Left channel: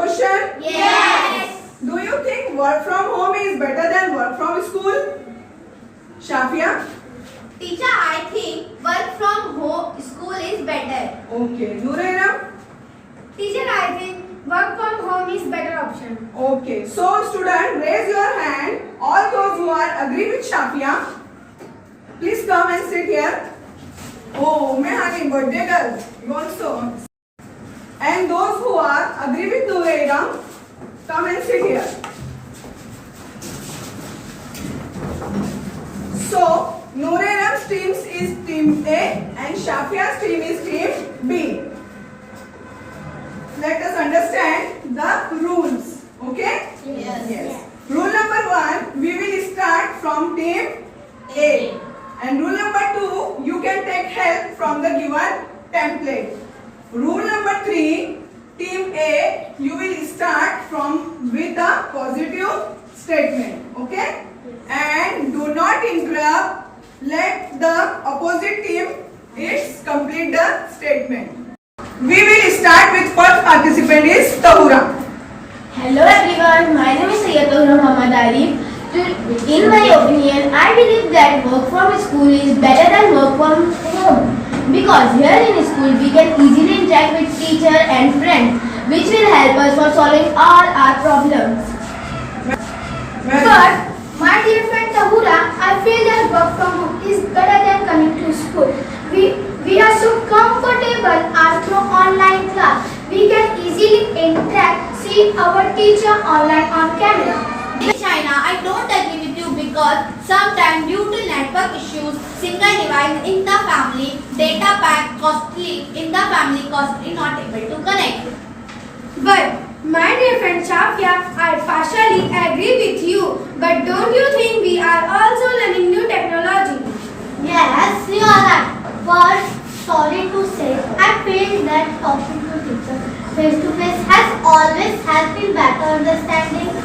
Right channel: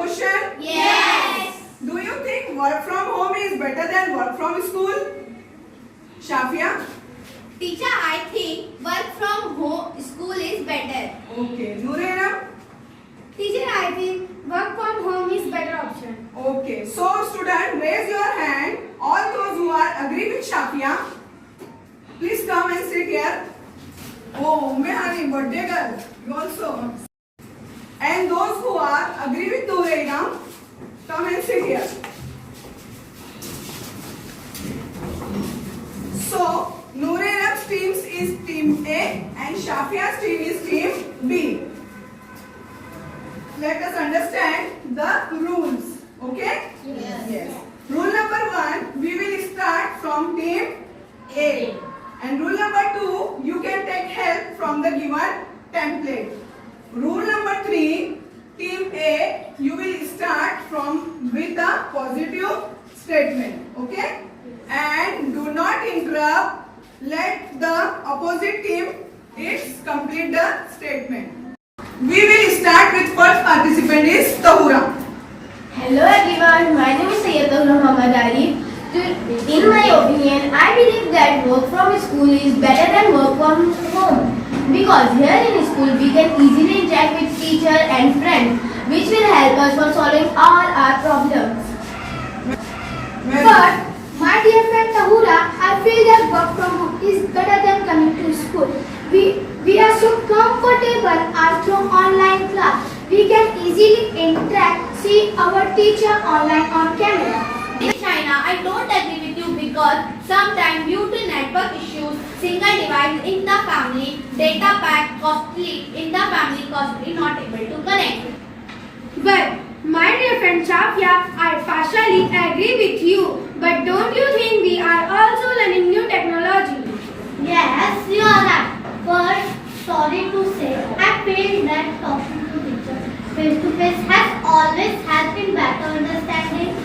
question? Yes. Do you think work from home is better than work from school? Shafia? Teacher, I think work from home school is better. Okay. Nuraina? Teacher, I think work from home is better option. Okay. So, student, raise your hand. All those who are agree with Shafia, please come and sit here. Oh, Mehani, birthday girl, you also. And those who are agree with Nuraina, come and sit here. So, Nuraina's team is team A and Shafia's team is team B. Let us understand the rules. Okay? Yes. Rule number 1, we will start from team A. And rule number 2, you can take help from the given template. Rule number 3, team A, you will start from with a positive statement. Okay? And do not interrupt. Let the opposite team complete the statement. We will start with first participant is Tahura. Hello everyone, my name is Sayyid Muhammad Arif. In my opinion, I believe that work from school is better than work from home. Because here in school we can easily interact with teacher and friends, which will help us for solving all our problems. But my dear friend Tahura, I feel that work from home is better than coming to school. We are so comfortable after online class. We can easily interact, see our teacher online on camera. China, I don't agree with you because sometimes due to network issues, single device in the family, data pack costly in the family costly not able to connect. But my dear friend Shafia, I partially agree with you. But don't you think we are also learning new technology? Yes, you are right. But sorry to say, I feel that talking to teacher face to face has always helped in better understanding.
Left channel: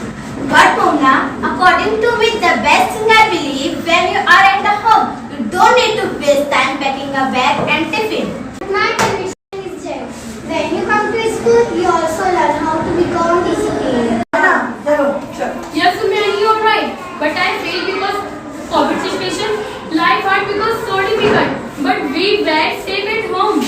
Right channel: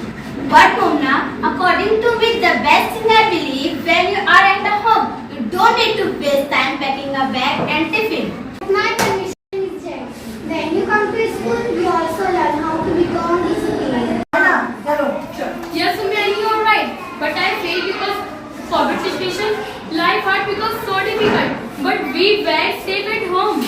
But Mona, according to me, the best thing I believe when you are at the home, you don't need to waste time packing a bag and tiffin. My condition is that when you come to school, you also learn how to become disciplined. Yes, Sumya, you are right. But I failed because COVID situation, life hard because so difficult. But we were safe at home.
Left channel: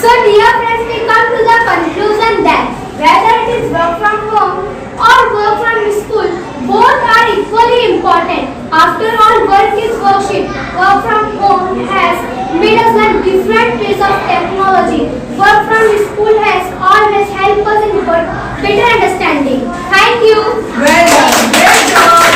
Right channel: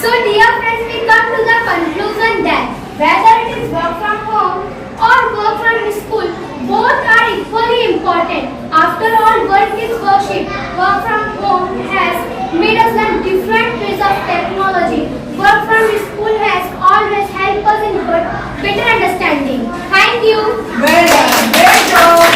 So dear friends, we come to the conclusion that whether it is work from home or work from school, both are equally important. After all, work is worship. Work from home has made us learn different ways of technology. Work from school has always helped us in better understanding. Thank you. Well done. Great job.